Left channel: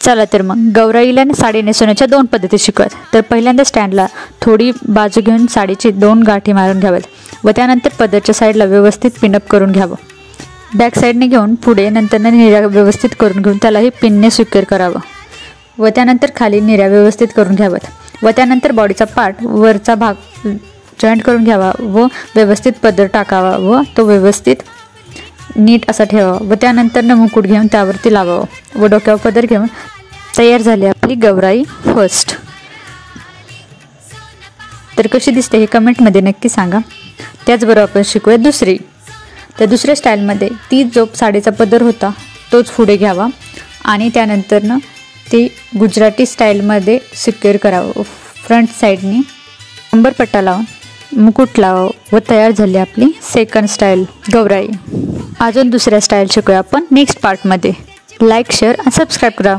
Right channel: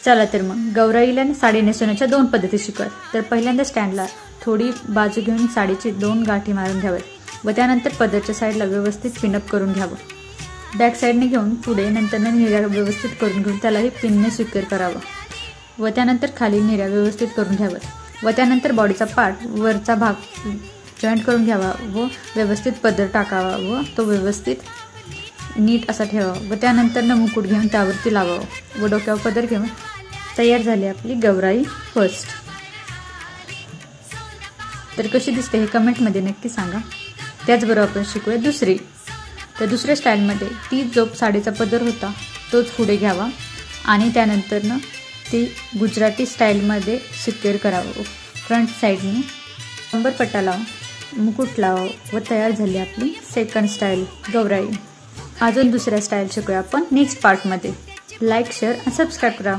चला तर मग गौराईला साडी नेसवण्याच्या 2 पद्धती शिकूयात। तर पहिल्यांदा स्टँडला थोडी बाजू घेऊन साडीची 2 गाठी मारून घ्याव्यात व त्यानंतर पदरच्या साईडला व्यवस्थित पिनअप करून घ्यावं। बॅक साईडने घेऊन पुढे नंतर निर्या व्यवस्थित करून घेऊन त्यालाही पिनने सिक्युअर करावं व त्यानंतर खाली निर्या व्यवस्थित करून घ्याव्यात व त्यानंतर बॉडीचा पार्ट वरचा भाग जॉईंट करून घ्यावा व व्यवस्थित पदर टाकावा व तो व्यवस्थित नीट असा ठेवावा व त्यानंतर मुकुट घेऊन त्यावरती लावावं व डोक्यावर पदर घेऊन तयार झाली आपली गौराई फर्स्ट। तर कशी दिसते हे कमेंटमध्ये नक्की सांगा। त्याचबरोबर आपण शिकूया दुसरी। तर दुसऱ्या स्टाईलमध्ये ती जो साडीचा पदर होता तोच पुढे घ्यावा आणि त्यानंतर ते गुजराती स्टाईलमध्ये सिक्युअर करावं। फ्रंट साईडनी कंबरपट्टा लावून मुकुट लावावं व तयार झाली आपली सेकंड स्टाईल गौराई। अजून दुसऱ्या स्टाईल शिकूया आपण नेक्स्ट पार्टमध्ये। लाईक शेअर आणि सबस्क्राईब करा।